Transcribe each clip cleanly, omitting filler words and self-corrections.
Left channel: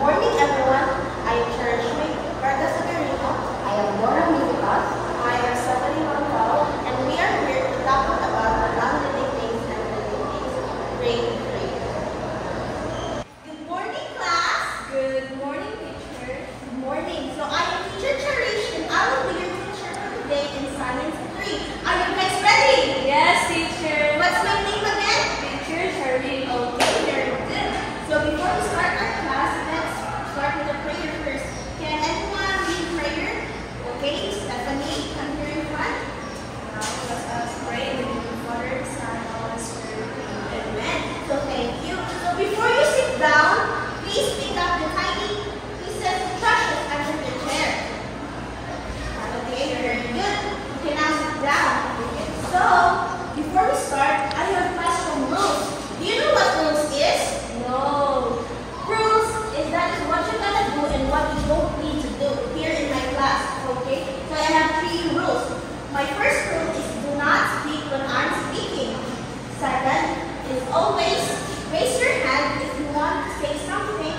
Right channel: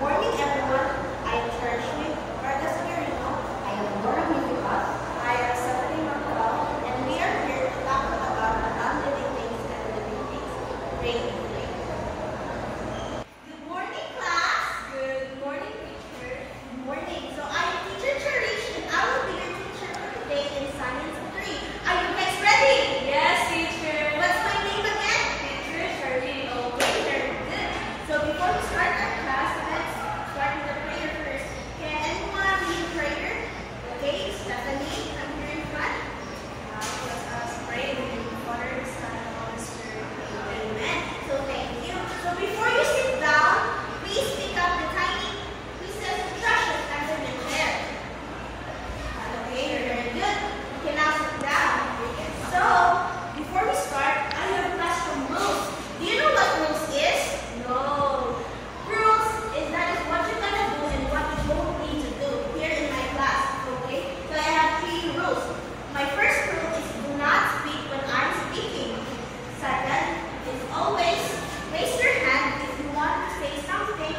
morning, everyone. I am Cherishme Vargas Agarino. I am Laura Militas. I am Stephanie Montal, and we are here to talk about the non-living things and living things. Grade 3. Good morning, class. Good morning, teacher. Good morning. So I am teacher Cherish, and I will be your teacher for today in Science 3. Are you guys ready? Yes, teacher. What's my name again? Teacher Charlie. Okay, very good. So before we start our class, let's start with a prayer first. Can anyone lead prayer? Okay, Stephanie, come here in front. Now let us pray in the name of the Father, Son, and Holy Spirit. Amen. So thank you. So before you sit down, please pick up the tiny pieces of brushes under the chair. Okay, very good. Okay, now sit down. So before we start, I have some rules. Do you know what rules is? No. Rules is that is what you're gonna do and what you don't need to do here in my class. Okay? So I have 3 rules. My first rule is do not speak when I'm speaking. Second is always raise your hand if you want to say something.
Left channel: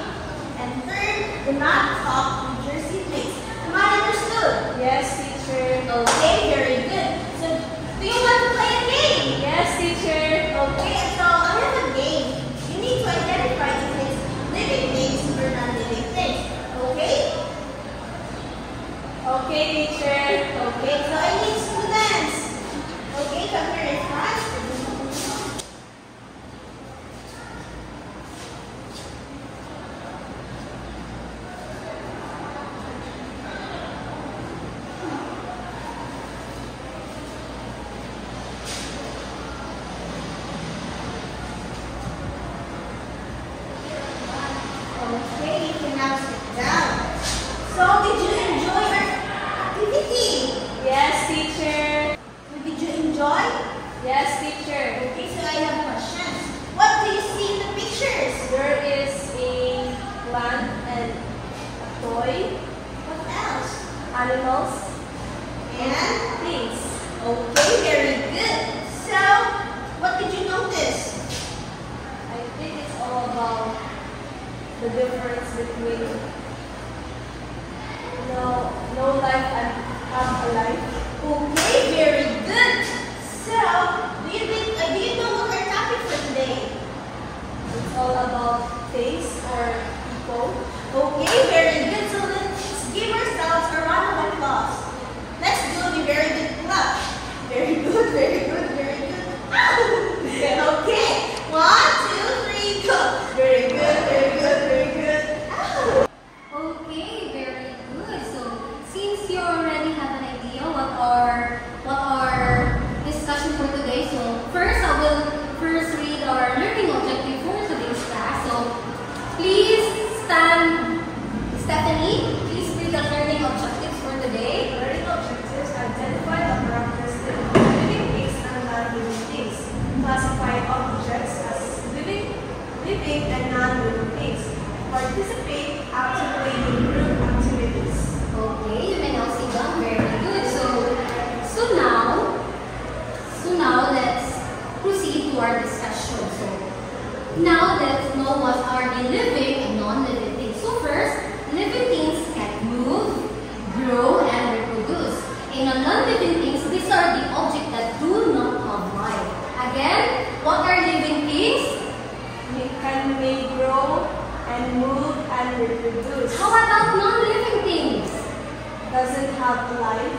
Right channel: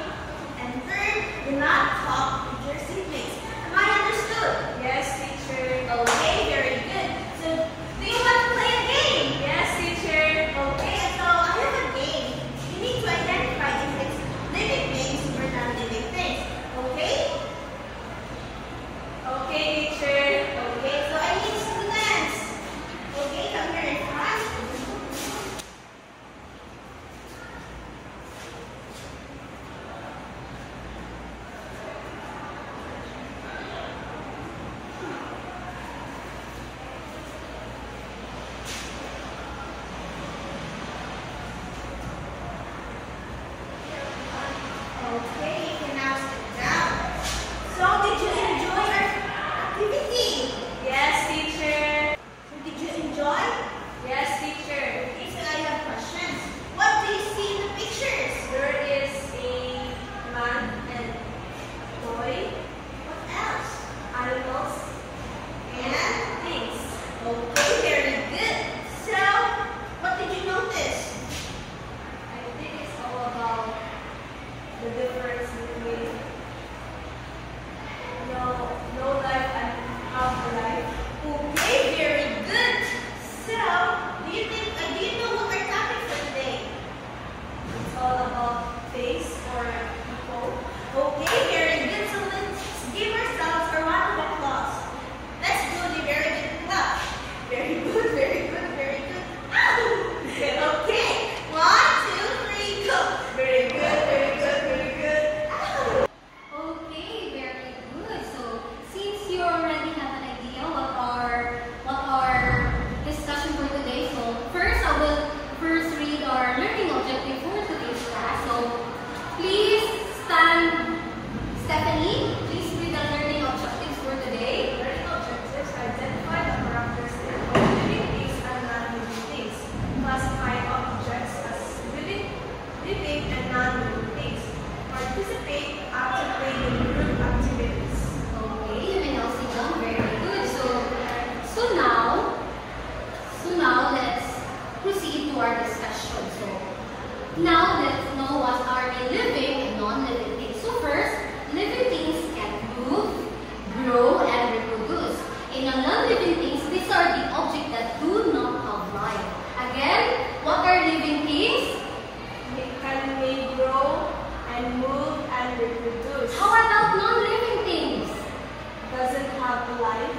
And third, do not talk with your seatmates. Am I understood? Yes, teacher. Okay, very good. So do you want to play a game? Yes, teacher. Okay, so I have a game. You need to identify if it's living things or non-living things. Okay? Okay, teacher. Okay, so I need students. Okay, come here in front. Okay, you can now sit down. So, did you enjoy our activity? Yes, teacher. So, did you enjoy? Yes, teacher. Okay, so I have questions. What do you see in the pictures? There is a plant and a toy, What else? animals, And? things. Okay, very good. So, what did you notice? I think it's all about the difference between no life and have a life. Okay, very good. So, do you know what our topic for today? It's all about things or people. Okay, very good. So let's give ourselves a round of applause. Let's do the very good clap. Very good, very good, very good. Okay, 1, 2, 3, go. Very good, very good, very good. Okay, very good. So, since you already have an idea what our discussion for today, so first I will read our learning objective for today's class. So, please stand. Stephanie, please read the learning objectives for today. Learning objectives identify the characteristics of living things and non-living things. Classify objects as living and non-living things. Participate actively in group activities. Okay, you can now sit down. Very good. So now let's proceed to our discussion. So now let's know what are the living and non-living things. So first, living things can move, grow, and reproduce. In a non-living things, these are the objects that do not have life. Again, what are living things? May grow and move and reproduce. How about non-living things? Doesn't have life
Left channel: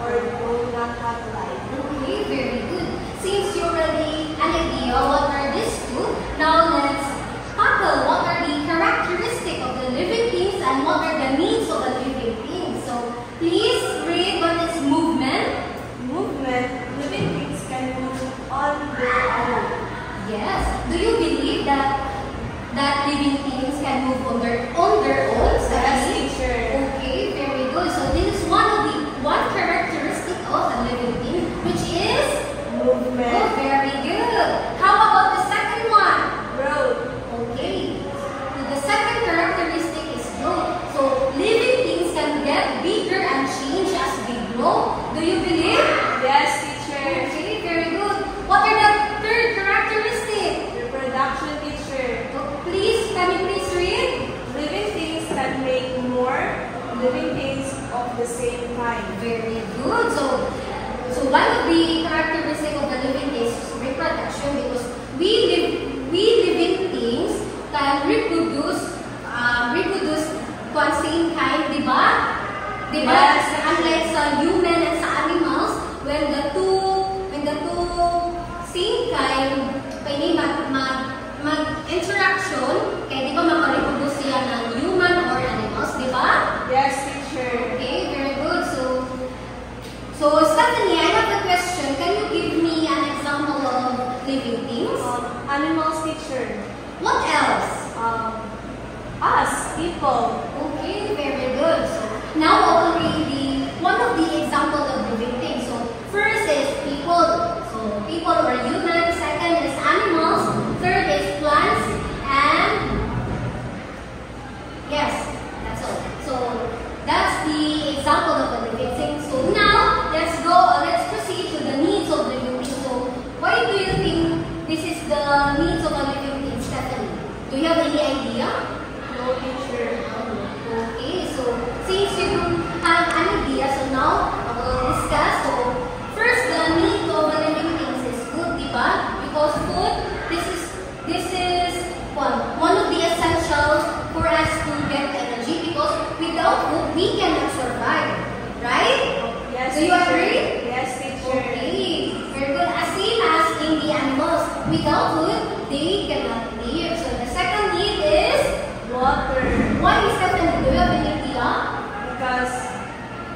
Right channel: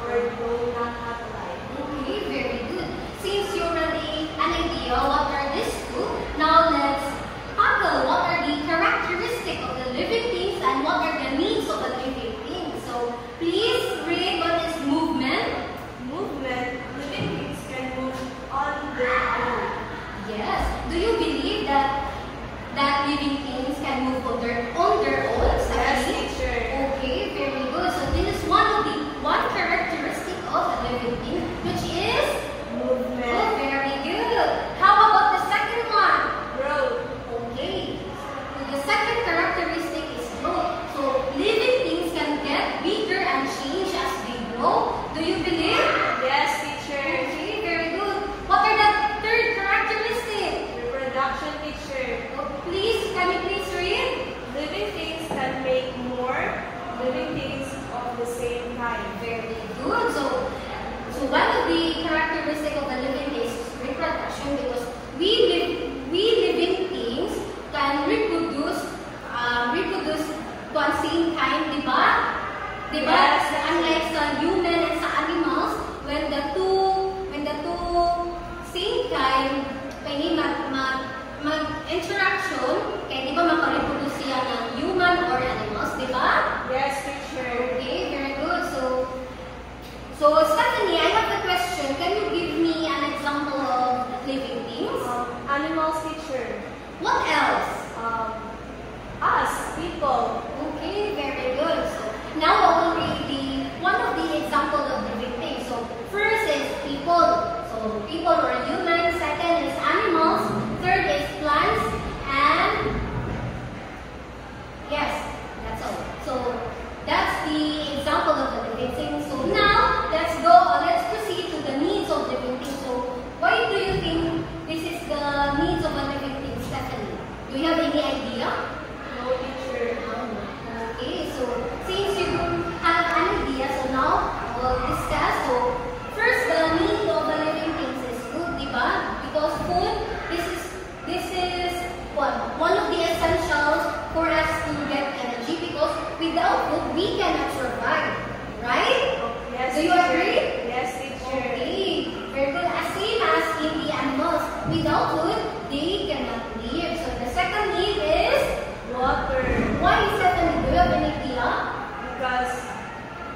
or do not have life. Okay, very good. Since you already an idea what are these two, now let's tackle what are the characteristics of the living things and what are the needs of the living things. So please read what is movement. Movement, living things can move on their own. Yes. Do you believe that living things can move on their own? Yes, Stephanie? teacher. Okay, very good. So this is one characteristic of a living thing, which is Movement, very good. How about the second one? growth. Okay. The second characteristic is growth. So living things can get bigger and change as they grow. Do you believe? Yes, teacher. Okay, very good. What are the third characteristic? Reproduction, teacher. Can you please read? the same kind. Very good. So one of the characteristics of the living things is reproduction, because we living things can reproduce one same kind, diba? Diba? Yes. Unlike sa human and sa animals, when the two same kind pwede mag-interaction, kaya di ba makareproduce siya ng human or animals, di ba? Yes, teacher. Okay, very good. So Stephanie, I have a question. Can you give me an example of living things? Animals, teacher. What else? Us, people. Okay, very good. So now I will read one of the examples of living things. So first is people. So people or human. Second is animals. Third is plants. And yes, that's all. So that's the example of a living thing. So now let's proceed to the needs of living things. So why do you think this is the needs of a living thing, Stephanie? Do you have any idea? No, teacher. Okay, so since you don't have an idea, so now I will discuss. So first, the need of a living things is food, diba? Because food, this is one of the essentials for us to get energy, because without food we cannot survive, right? Yes, Do you teacher. agree? Yes, teacher. Okay, very good. As same as in the animals, without food they cannot live. So the second need is Water. why is that? Do you have any idea? Because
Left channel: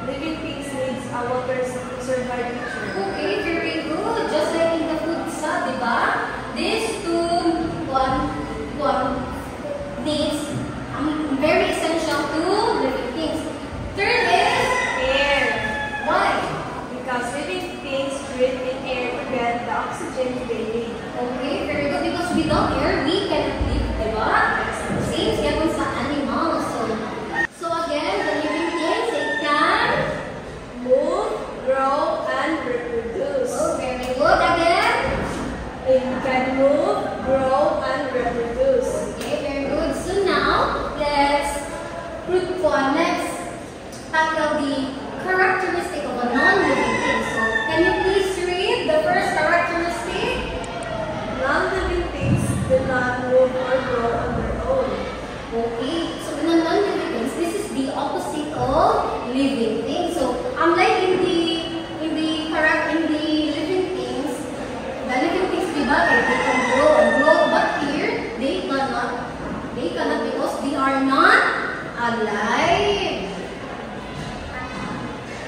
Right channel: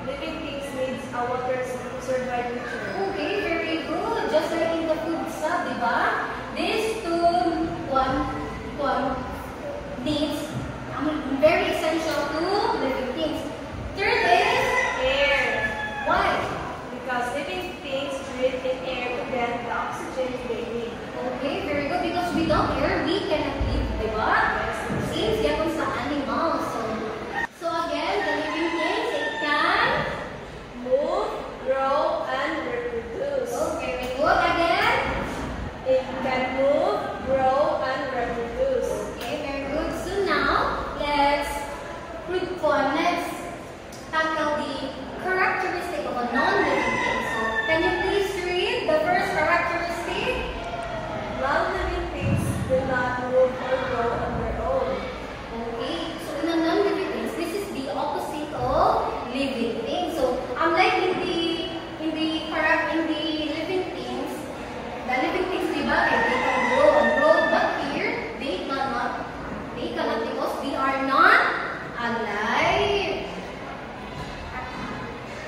living things needs water to survive, teacher. Okay, very good. Just like in the food sa, di ba? These two one needs very essential to living things. Third is Air. why? Because living things breathe in air to get the oxygen they need. Okay, very good. Because without air, we cannot live, di ba? Same yan sa animals. So again, the living things, it can Move, grow, and reproduce. oh, very good. Again, It can move, grow, and reproduce. okay, very good. So now, let's tackle the characteristic of a non-living thing. So, can you please read the first characteristic? Non-living things do not move or grow on their own. Okay, so in a non-living things, this is the opposite of living things. So, unlike in the living things, the living things they can grow and grow, but here they cannot because they are not alive.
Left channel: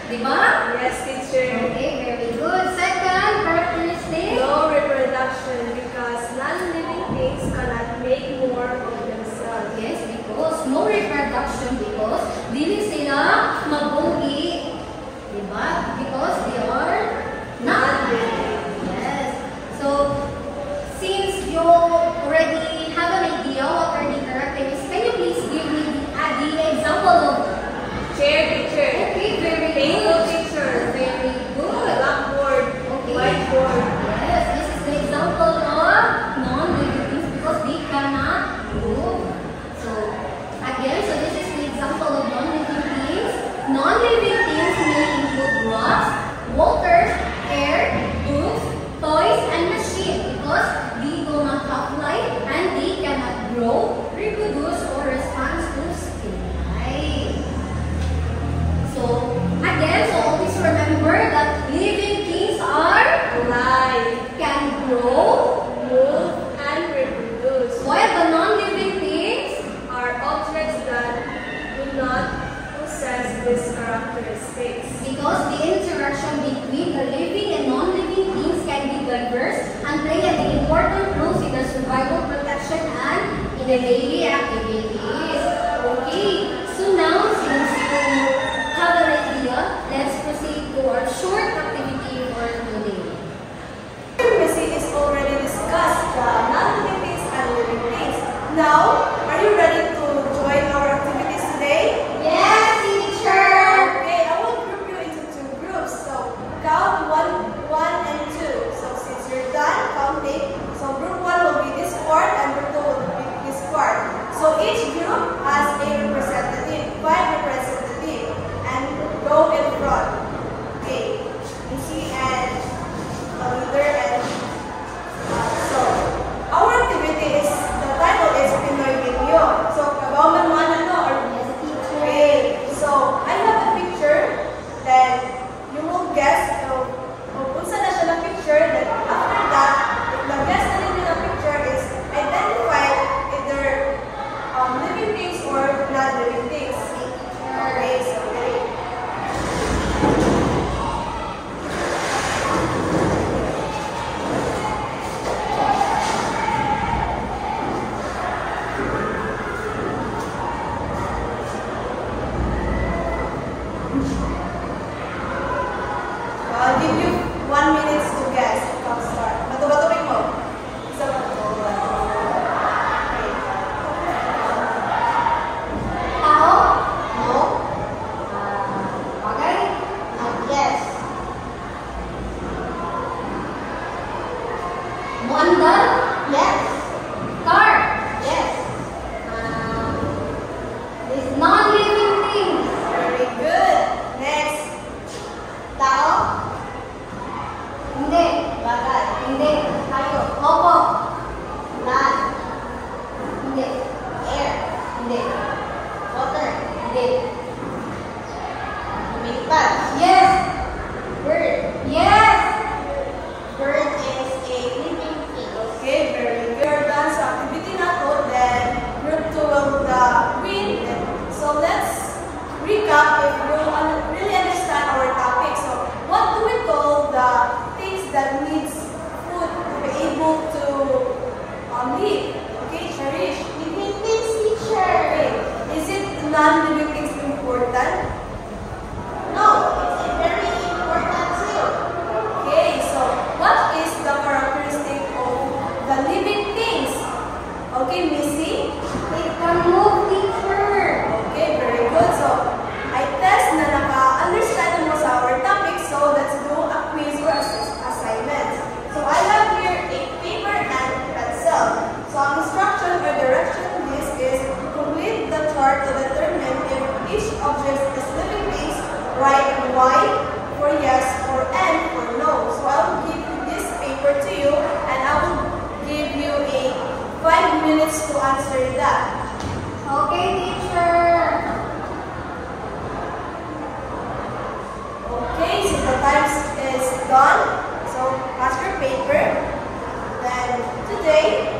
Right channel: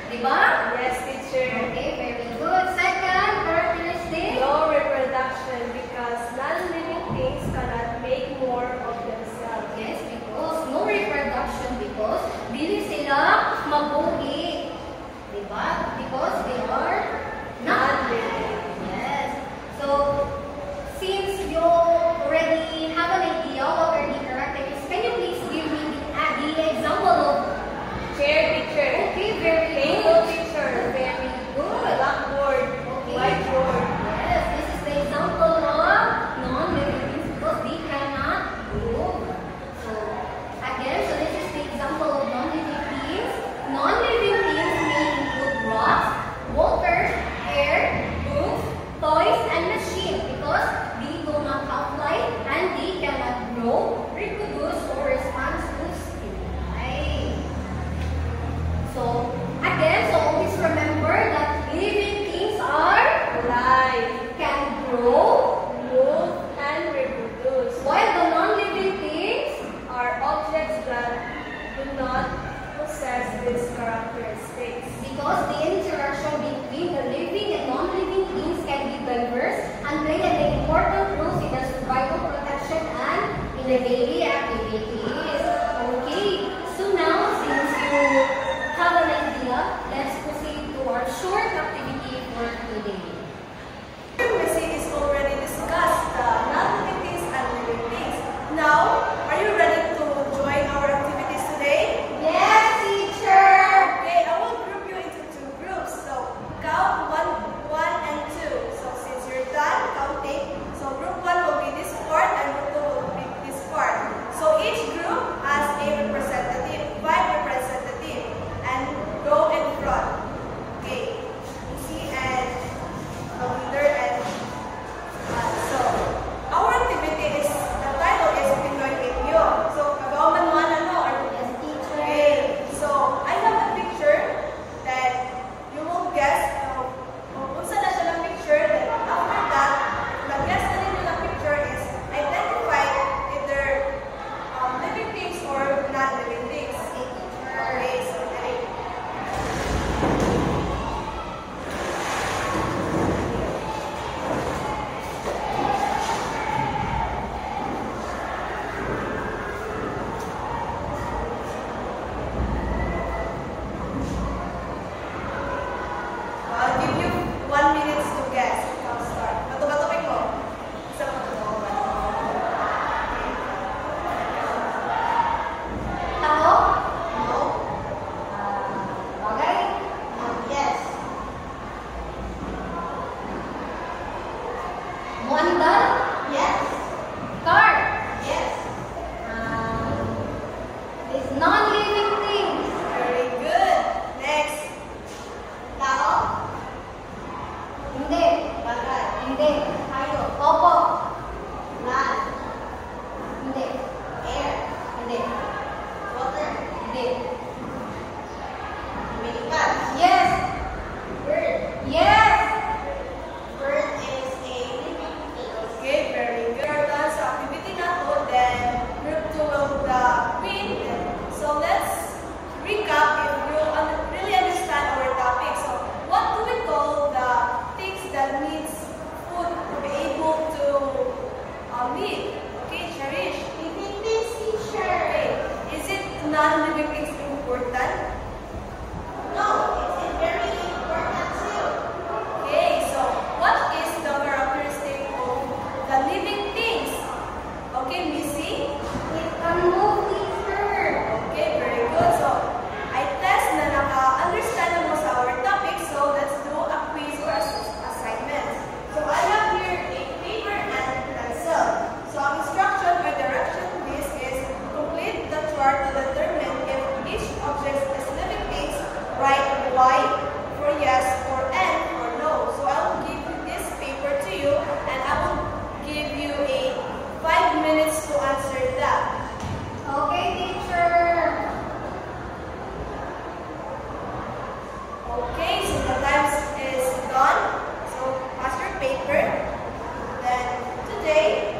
Diba? Yes, teacher. Okay, very good. Second characteristic. No reproduction because non-living things cannot make more of themselves. Yes, because no reproduction because dili sila mabuhi. Diba? Because they are not living. Yes. So, since you already have an idea what are the characteristics, can you please give me the example of Chair, teacher. okay, very Table, good. teacher. Very good. Blackboard. Okay. Whiteboard. Yes, this is the example of non-living things because they cannot move. So, again, so this is the example of non-living things. Non-living things may include rocks, water, air, books, toys, and machines because they do not have life and they cannot grow, reproduce, or respond to stimuli. So, again, so always remember that living things are Alive. can grow, Move and reproduce. while the non-living things Are objects that do not possess these characteristics. because the interaction between the living and non-living things can be diverse and play an important role in the survival, protection, and in the daily activities. Okay, so now since you have an idea, let's proceed to our short activity for today. Missy is already discussed the non-living things and living things. Now, are you ready to join our activities today? Yes, teacher! Okay, I will group you into two groups. So, count one and two. So, since you're done counting, so group 1 will be this part and group 2 will be this part. So, each group has a representative, 5 representatives. And go Muandal? Yes. Car? Yes. This non-living things. Very good. Next. Tao. Hindi. Bagay. Hindi. Hayop. Opo. Land. Hindi. Air. Hindi. Water. Hindi. Lumilipad. Yes. Bird. Yes. Bird is a living thing. Okay, very good. We're done sa activity na to. Then, group 2 will the win. So, let's recap if you really understand our topic. So, what do we call the things that needs food to be able to live? Okay, Cherish. Living things, teacher. Okay, is it non-living things important? No, it's a very important too. Okay, so what is the characteristic of the living things? Okay, Missy? It can move, teacher. Okay, very good. So, I test na naka-understand mo sa our topic. So, let's do a quiz or assignment. So, I have here a paper and pencil. So, ang instruction or direction to this is complete the chart to determine if each object is living things. Write Y for yes or N for no. So, I will give this paper to you and I will give you a 5 minutes to answer that. Okay, teacher. Okay, so the time is done. So pass your paper. Then today